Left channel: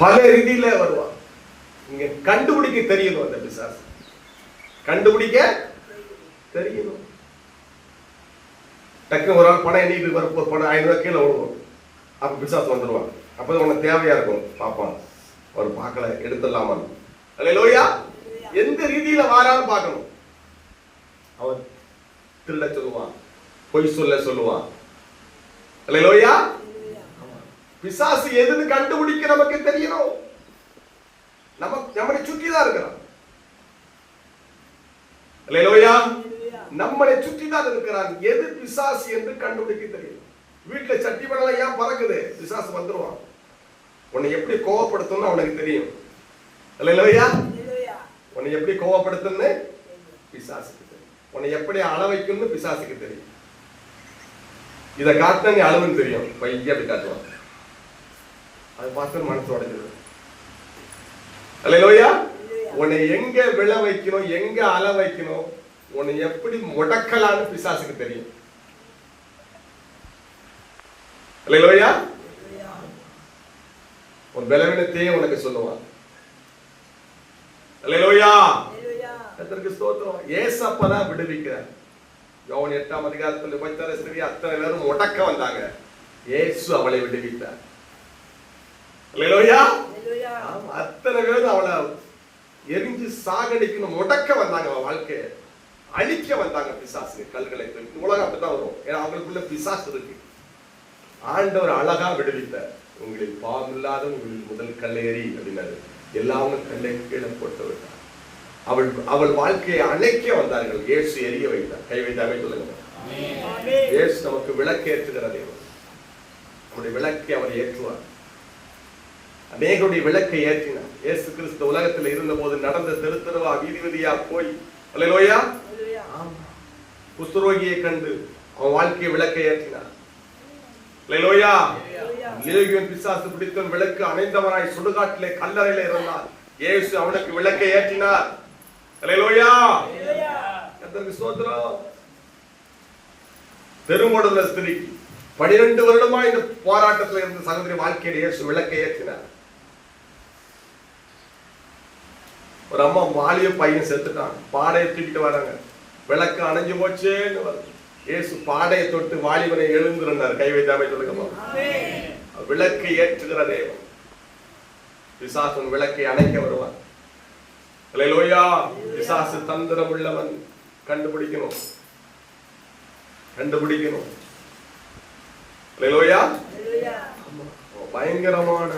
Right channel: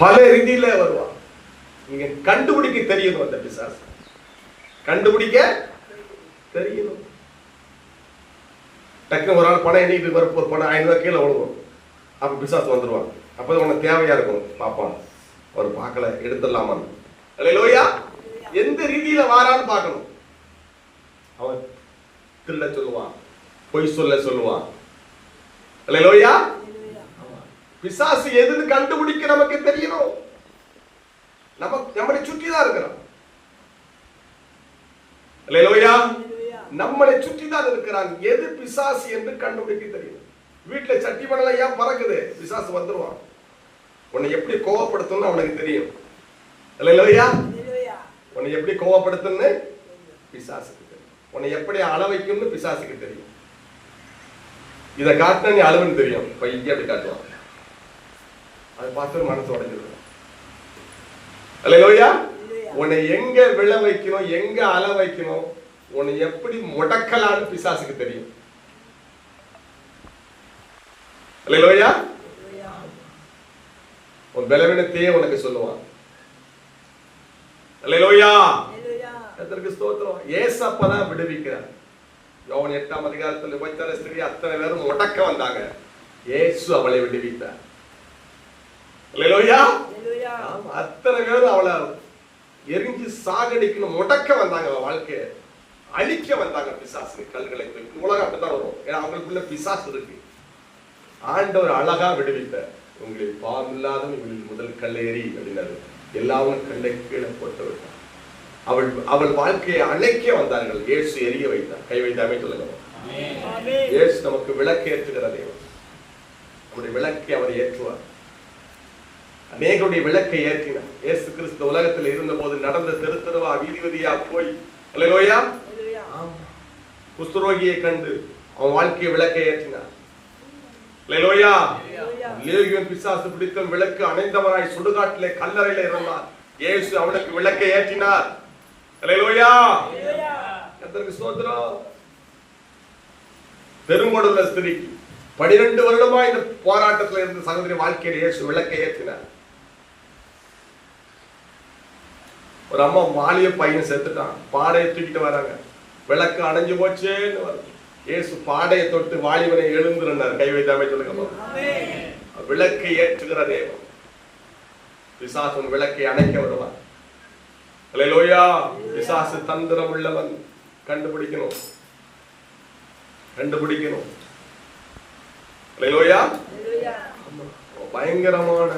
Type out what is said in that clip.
பல ரீதியில வருவான். நீங்க கண்டுபிடிக்க தெரியணும். அந்த பிசாசு கண்டுபிடிக்க தெரியணும். டக்குனு ஒரு ஆள் பணம் எண்ணிட்டு வரப்போ பணம் 500 ரூபாய் கீழே விழுவோம். அப்ப பிசாசு வந்துருவாங்க. அப்ப உனக்கு தேவையா இருக்கும், பார்ப்போம் ஒரு பார்க்கல எடுத்துடலாமா. அல்லேலூயா. எந்த ரீதியில வாரான்னு பார்க்கணும். அவன் திருட சொல்லுவான், பொய் சொல்லுவான். அல்லேலூயா. பிசாசு எதுன்னு கண்டுபிடிக்க நமக்கு தெரியணும். நம்மளை சுற்றி தான் இருக்கிறான். அல்லேலூயா. நம்மளை சுற்றி தான் இருக்கிறான். எது பிசாசு என்று கண்டுபிடிக்க தெரியும். வீட்டுல சட்டி மணல ஏன் பறக்குது? பிசாசு வந்துருவான். உன்னை எப்படி கோவப்படுத்தணும்னு அவனுக்கு தெரியும். அல்லேலூயா. உன்னை எப்படி கோவப்படுத்தணும்னு பிசாசுக்கு தெரியும். உன்னை எப்படி அழ வைக்கணும்னு பிசாசுக்கு தெரியும். இதை காட்டினா நீ அழுவுன்னு தெரியும். பையன் அப்படி காட்டுவான். அதை பார்த்து மனசு உடைஞ்சது. அல்லேலூயா. உன்னை எங்க விழ வைக்கணும், எங்க அழ வைக்கணும், உன்னை எப்படி முடக்கலான்னு பிசாசுக்கு தெரியும். அல்லேலூயா. உன் பலவீனத்தையே உனக்கு சொல்லுவான். அல்லேலூயா. கர்த்தருக்கு ஸ்தோத்திரம். ஏசப்பதான் விடுவிக்கிறார். யோவான் 8ஆம் அதிகாரத்தில் விபச்சார ஸ்திரீ அத்தனை பேரும் முடக்க வந்தாங்க. இயேசு அவளை விடுவித்தார். அல்லேலூயா. அத்தனை பேரும் அவளை எரிஞ்சு சாகடிக்கணும், முடக்க வந்தாங்க. வாழ்க்கை அழிக்க வந்தாங்க. பிசாசு கல்களை உலகம் அப்படித்தான் வரும். ஏன்னா அவங்களுக்குள்ள பிசாசு இருக்கு. ஆண்டவர் அழகா விடுவித்தார். உங்களில் பாவம் இல்லாத உங்களில் முதல் கல்லேறி அப்படின்னாரு. எல்லாரும் கல்லை கீழே போட்டு விட்டார். அவள் வாழ்க்கையை அணைக்க வந்தார்கள். இயேசு எரிய வைத்தார். கை வைத்தாமே சொல்லுங்க. இயேசு நமக்கு விளக்கு ஏற்றுகிற தேவன். நம்முடைய விளக்கை அவர் ஏற்றுவார். அநேகருடைய விளக்கை ஏற்றினார். இயேசு கிறிஸ்து உலகத்தில் இருந்த போது நடந்த தெருவா வீதி வீதியா போய், அல்லேலூயா, குஷ்டரோகியை கண்டு அவன் வாழ்க்கையை விளக்கை ஏற்றினார். அல்லேலூயா. லேகியோன் பிசாசு பிடித்த விளக்கு அணைந்தவராய் சுடுகாட்டிலே கல்லறையில இருந்தார். இயேசு அவனுக்கு விளக்கை ஏற்றினார். அல்லேலூயா. கர்த்தருக்கு ஸ்தோத்திரம். பெருமோடுள்ள ஸ்திரீக்கு 12 வருடமா இந்த போராட்டத்தில் இருந்த சகோதரி வாழ்க்கையில் இயேசு விளக்கை ஏற்றினார். ஒரு அம்மா வாலிய பையன் செத்துட்டான். பாடையை தூக்கிட்டு வராங்க. விளக்கு அணைஞ்சு போச்சேன்னு வருது. இயேசு பாடையை தொட்டு வாலிபனை எழுந்திருந்தார். கை வைத்தாமே சொல்லுங்க. விளக்கு ஏற்றுகிற தேவன். பிசாசு விளக்கை அணைக்க வருவார். அல்லேலூயா. பிசாசு தந்திரம் உள்ளவன். கண்டுபிடிக்கணும். அல்லேலூயா. பயங்கரமான